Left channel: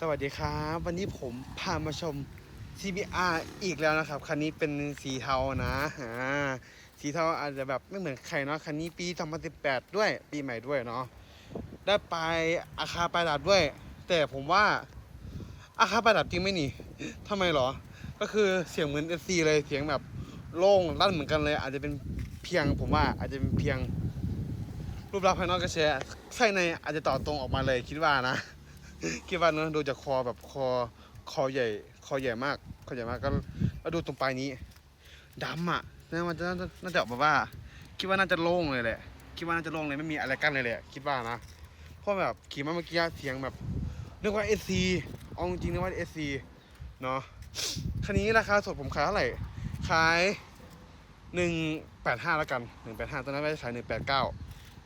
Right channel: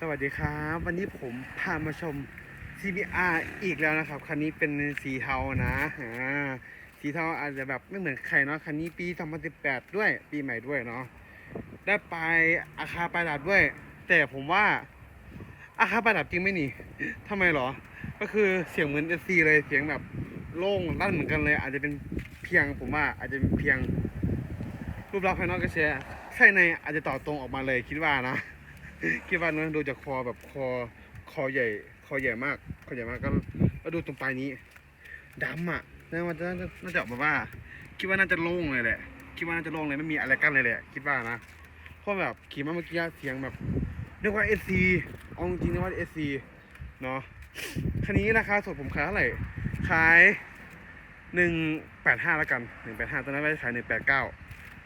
สวัสดีครับ วันนี้ผมพามาชม CBR อีกแล้วนะครับ คันนี้เป็นสีเทานะอ่าสีเทาอาจจะแบบไม่เหมือนใครเนาะคันนี้ปี 2018 ด้วย ปีใหม่ด้วยเนาะได้ไปอาคาปลายดับด้วย แต่ผมว่าอาคาปลายดับจริงไหมนี่ทำไมหรอ ก็คือเสียงเหมือน SC เลยเสียงแบบโล่งลั่นเหมือนกันเลย อาจจะเป็นเพียงผมว่าอาจจะเป็นเพียงรูปลักษณ์ภายนอกก็แชร์ใช่ในอาจจะต่อตรงออกมาเลยคิดว่านะ คิดว่านะดูจากคอแบบคอคอใหญ่ คอใหญ่มากคอใหญ่มากก็แล้วดูตรงปลายนี้ดำอะน่ามันจะน่าจะออกมาว่า คิดว่าน่าจะโล่งเลยแหละ คิดว่าน่าจะโล่งเลยไม่มีอะไรกั้นเลยแหละคิดว่านะเพราะแบบขี่มาเมื่อกี้เสียงแบบนึกว่าเอซีเอาจริงนึกว่าเอซีเนาะคันนี้ราคาสดผมขายเท่าไหร่ขายหนึ่งแปดห้าแล้วกันหนึ่งแปดห้าตอนนั้นไม่ได้ขายหนึ่งแปดเก้า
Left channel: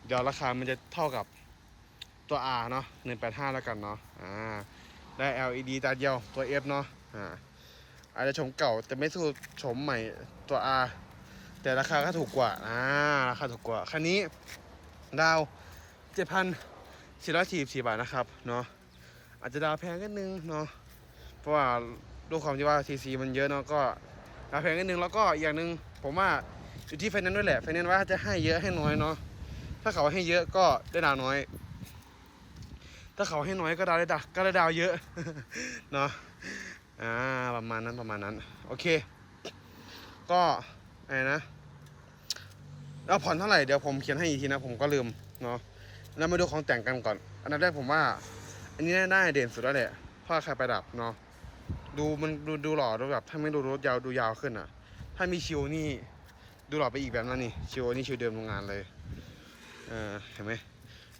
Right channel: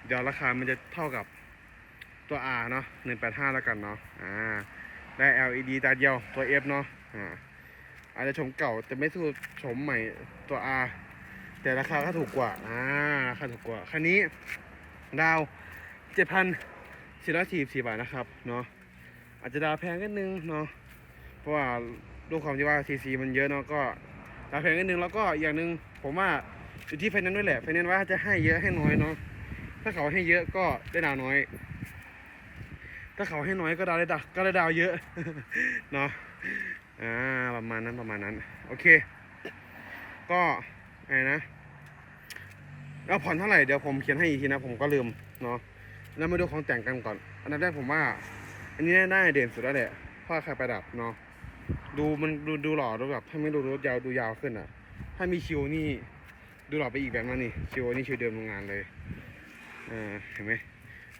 เดี๋ยวราคามันจะเท่ากับ ตัว R เนาะ185 แล้วกันเนาะอ่าได้ LED ตาเดียวตัว F เนาะอ่าอาจจะชมเก่าแต่ไม่สู้ชมใหม่ตัว R แต่ราคาก็ถูกกว่าอ่าราคาถูกกว่าคันนี้ดาว 7,444 บาทนะครับเนาะอาจจะดาวแพงนิดนึงเนาะเพราะว่าด้วยความที่ว่า CC มันเยอะเนาะก็ดาวแพงนิดนึงแล้วก็อีกอย่างหนึ่งผมว่าอยู่ที่ไฟแนนซ์ด้วยแหละไฟแนนซ์ว่าจะให้เยอะให้น้อยเนาะถ้าเขาให้เยอะก็ได้ดาวน้อย ถ้าเขาให้น้อยก็ดาวได้ดาวก็ได้ดาวเยอะเนาะอ่าประมาณนั้นประมาณนั้น โอเค ก็ไอ้นะแล้วผ่อนเท่าไหร่เดี๋ยวผมเขียนให้อีกทีนะ ผมก็ลืมเนาะแล้วมาดูของแต่งกันก่อน อันดับแรกผมว่า อันนี้น่าเด่นสุดแล้วแหละพราะใครประดับเนาะดูมันดูดูหล่อดูแบบถ้าไม่ดูรถยาวดูยาวขึ้นอะ ถ้ามีคิวนี่ดูหล่อไปอีกแบบนั้นนี่คิวนี่คิวเดิมโรงงานเลยอ่าเห็นไหม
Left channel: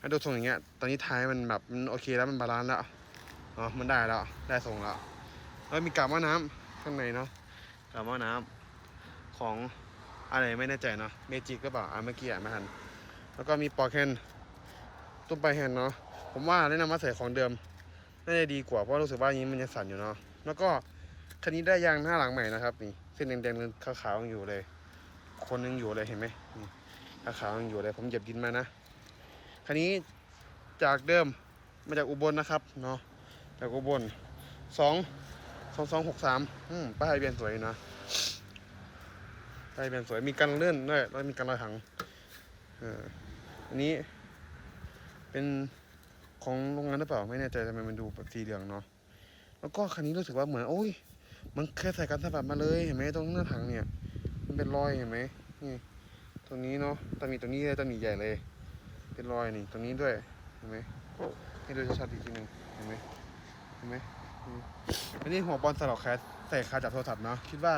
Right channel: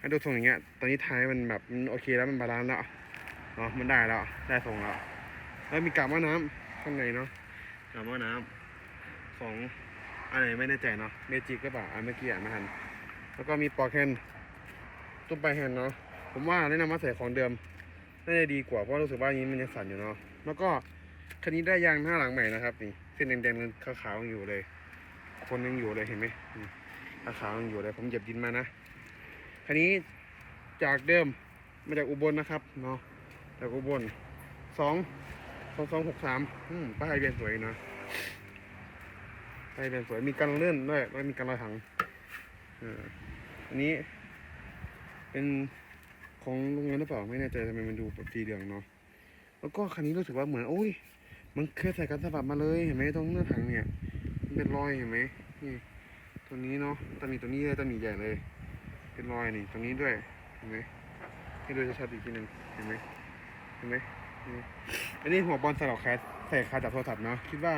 ถ้ดูทรงอย่างเงี้ย ตอนนี้ท้ายมันแบบมันโอเคแล้วมันบาลานซ์แล้วเนาะมันได้แล้ว ได้ทรงแล้ว แล้วมีกาบว่าน้ำข้างในเนาะกาบว่าน้ำของอะไรไม่แน่ใจเนาะเมจิกก็เปล่าอะเมื่อกี้อ่านไม่ทัน แล้วก็มีปอแคนตุ้มไปลายแฮนเนาะผมว่าแนะนำมาใส่ของเดิมน่าจะดีกว่าเพราะรู้สึกว่าอันนี้มันยังสั่นอยู่เนาะแล้วก็คันนี้ได้ยางหน้าหลังใหม่นะครับนี่เส้นแดงๆขาวๆยังอยู่เลย คนยังอยู่เลยเห็นไหมขาวๆยังอยู่เลยผมเหยียบดินมานะ คันนี้จากเดิมมาจากอุบลนะครับเนาะจากอุบลสองสองสองหกสามป้ายเบียนสวยนะป้ายเบียนสวยมีกันเลื่อนด้วยแล้วมีกันรอยถังอันนี้ เป็นของโรงงานหรือเปล่าไม่แน่ใจทำไมมันดูแบบสีเหลืองเนาะแล้วก็คันนี้รู้สึกว่าเหมือนโอ้ย มันเคยใส่กันสะบัดมาเลยเห็นไหมตรงเนื้อถังเนี่ย มันเป็นรอยเห็นไหมนี่ตรงนี้เนาะตำหนิตรงนี้เลยตำหนิใหญ่เลย เป็นรอยนี่ตรงนี้ด้วยเห็นไหมให้ดูชัดๆอีกทีหนึ่งเห็นไหมเห็นไหมเห็นไหมอันนี้หัวบอลใส่หลอกแคสใส่คาจับโทรศัพท์เนาะคิดว่า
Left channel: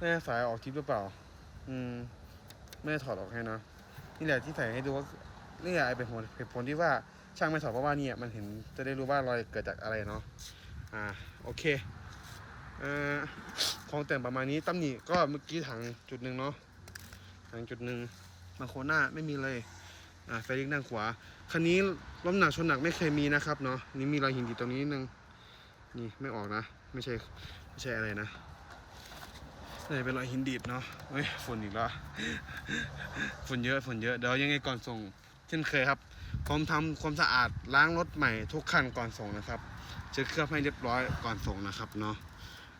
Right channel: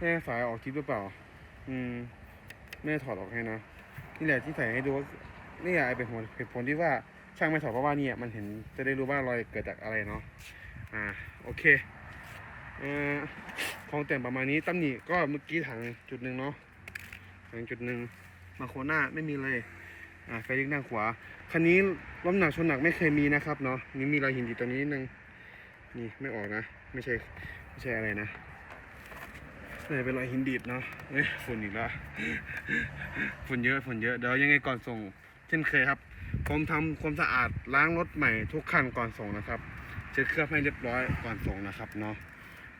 น่สายออกทิปหรือเปล่า อืมไม่ถอดออกให้นะนี่แหละที่ใส่ให้ดูว่านี่แหละเป็นผลเหตุผลที่ว่าช่างไม่ถอดเพราะว่าเนี่ยมันเห็นจะได้รู้ว่ารอยเกิดจากอะไรเนาะอ่าโอเคเอ่อของแต่งประมาณนี้ตำหนิก็เมื่อกี้ถังจุดหนึ่งเนาะถังจุดหนึ่งมาโคหน้าไม่มีเลย อ่าไฟลี้งด้านขวา คันนี้ล้มหนักชนหนักไม่เคยมีนะครับเนาะ นี่มีรอยหินอยู่ตรงนี้นิดนึง นี่ไม่ออกนะ ไม่ใช่ไม่ใช่อะไรนะน่เป็นรอยหินดีดเนาะเฮ้ยฝุ่นอีกแล้ว ฝุ่นเยอะฝุ่นเยอะ เดี๋ยวยังไงก่อนส่ง เช่นเคยครับ ผมทำความสะอาดล้างรถใหม่ทุกคันก่อนส่งนะครับ เช็ดเครื่องให้เรียบร้อยก่อนส่งนะครับเนาะ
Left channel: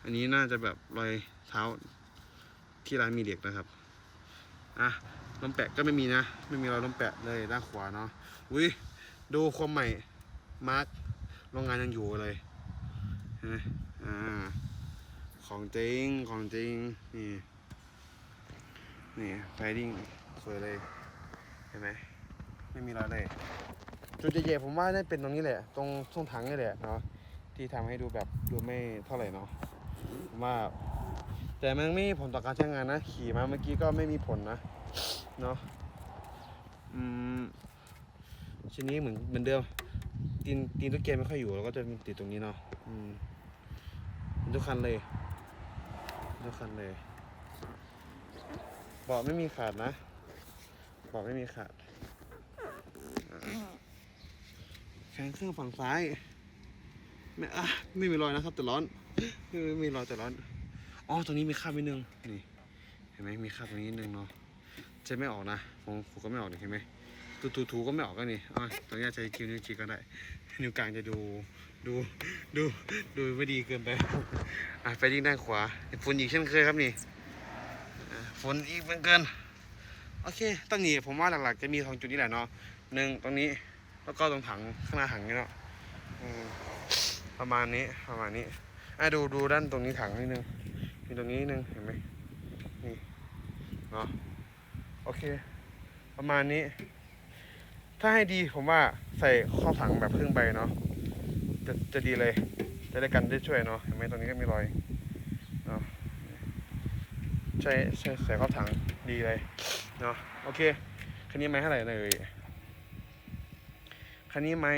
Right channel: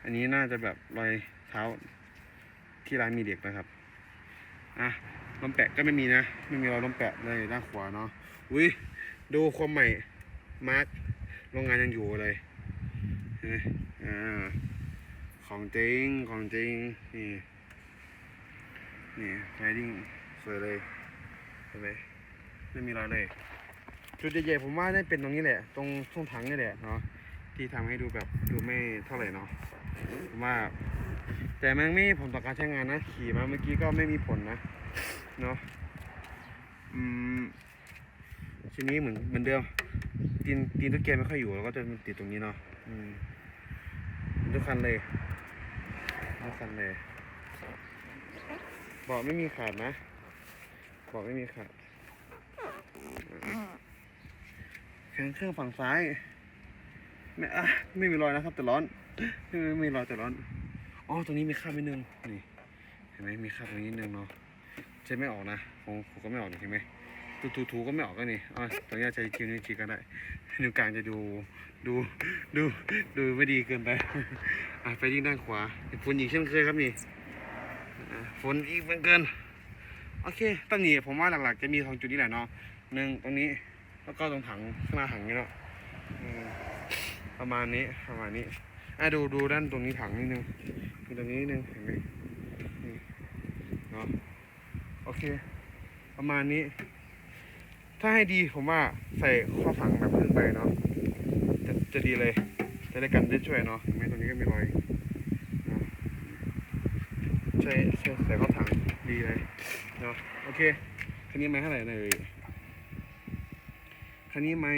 อันนี้น่าจะแบบรอยเท้าที่ร้านมีเด็กนะครับ อะ ลมแปะก็ไม่มีนะ ไม่มีรอยลมแปะเลยด้านขวาเนาะอุ้ยดูความใหม่มาร์กโรงงานยังอยู่เลยอ่าของจริงของจริงนี่นี่ไฟดิ้งสวยเลยเห็นไหมไม่มีรอยเลย จุดใหญ่ๆผมว่าน่าเป็นตรงนี้แหละ ตรงช่วงถังนี่แหละเนาะที่ทำให้ดูแบบดูไม่เท่าไหร่เนาะผมว่า แต่มันไม่มีผลต่อการใช้งานนะ ขี่มาเมื่อกี้ก็ไม่มีผลนะเนาะอืมชิ้นนี้เหมือนเหมือนเดิมตีนตีนตุ๊กแกไม่ค่อยอยู่แล้วก็จะติดตรงนี้เนาะอืมทุกคันเลยทุกคันเลยเบอกไม่มีขาดนะเบอกไม่มีขาดแขนเครื่องฝั่งซ้ายไม่อะไม่มีรอยนะครับ แต่ร้อนไม่ไม่มีรอยแต่ร้อน อ๋อตรงนี้มีคราบนิดนึงนี่เห็นไหมมีคราบตรงนี้นิดนึงเนาะจะไม่ออกนะผมผมก็ไม่ออกนี่เห็นไหมถูถูถูก็ไม่ออกก็นี่อะตรงนี้ใช้คิวนิ้วชี้ก็ได้นิ้วกลางจะดูดูดูดูไม่ดีเกินไปอะไปที่ด้านขวาฝนอีกเช่นเคยครับนี่ฝนอีกเหมือนเกินโอเคตรงนี้ผมว่าหลักๆจะมีสองจุดนี้แหละเนาะหนึ่งตรงนี้แล้วก็ตรงถังข้างหน้าถังนี่เนาะอืมประมาณนี้ประมาณนี้อะดูดูด้านตรงนี้ถังนิดนึง มีตรงนี้นึงเห็นไหมนี่เนาะโอเค ประมาณนี้ ถ้าให้ดีผมว่าใส่ข้อถังแบบครึ่งใบเนาะจะจะดีเลย จะได้กันได้ช่วยเนาะเห็นไหมตรงนี้ก็มีรอยเนาะใช่ใช่ใส่ข้อถังดีเลยเนาะโอเคคันนี้ไม่เท่าไหร่เลยคันนี้ไม่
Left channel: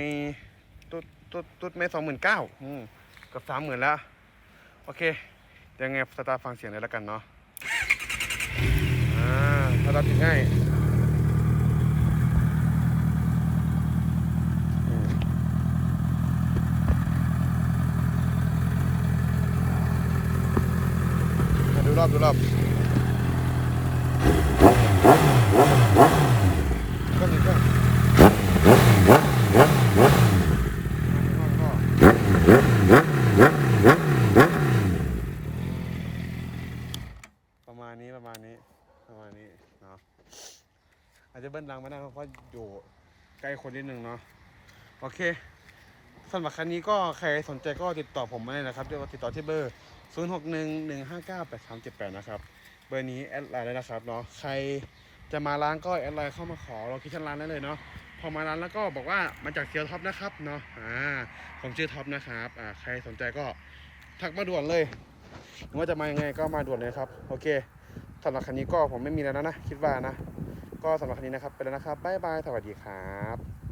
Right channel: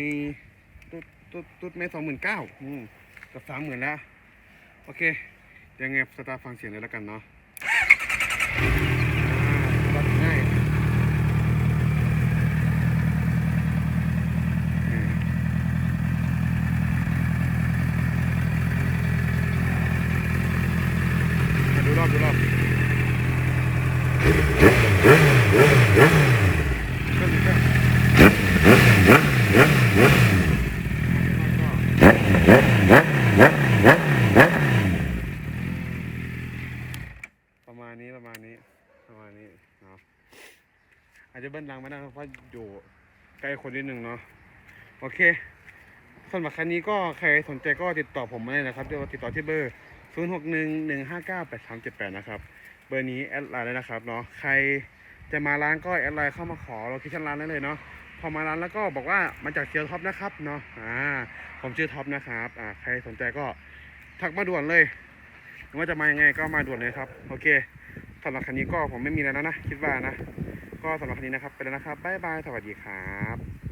ตุ๊ดตุ๊ดตุ๊ดไม่สองหมื่นเก้าอืมกับสามหมื่นแล้ว โอเค ยังไงสตาร์ฟังเสียงเลยแล้วกันเนาะอ่าสตาร์ทง่ายดูรอบดูรอบก็ดีก็ มาณนี้ประมาณนี้นี้นะครับ อาจจะเบิ้ลดังไม่ได้เพราะอยู่ใกล้คนนิดนึงเนาะโอเคสำหรับคันนี้ก็ใครสนใจก็ติดต่อผมมาได้นะครับเดี๋ยติดต่อที่เบอร์ 0 6 1 1 5 9 8 3 7 8 นะครับ เบอร์นี้แอดไลน์ได้นะครับเนาะใครจะมาร้านก็แอดไลน์เข้ามาขอโลเคชั่นร้านได้เลยเนาะพอมาร้านแล้วก็บอกว่ามาจากเซียวท็อปนะครับเนาะอ่าผมชื่อท็อปนะครับอ่าใครสนใจก็ทักมาด่วนเลยหรือว่าจะมายังไงก็มาด่วนเลยครับ โอเคำหรับคันนี้ก็ผมไม่มีแล้วนะนะ คิดว่านะ ก็สำหรับคันนี้นะครับ ไปแล้วนะครับบ๊ายบาย สวัสดีครับ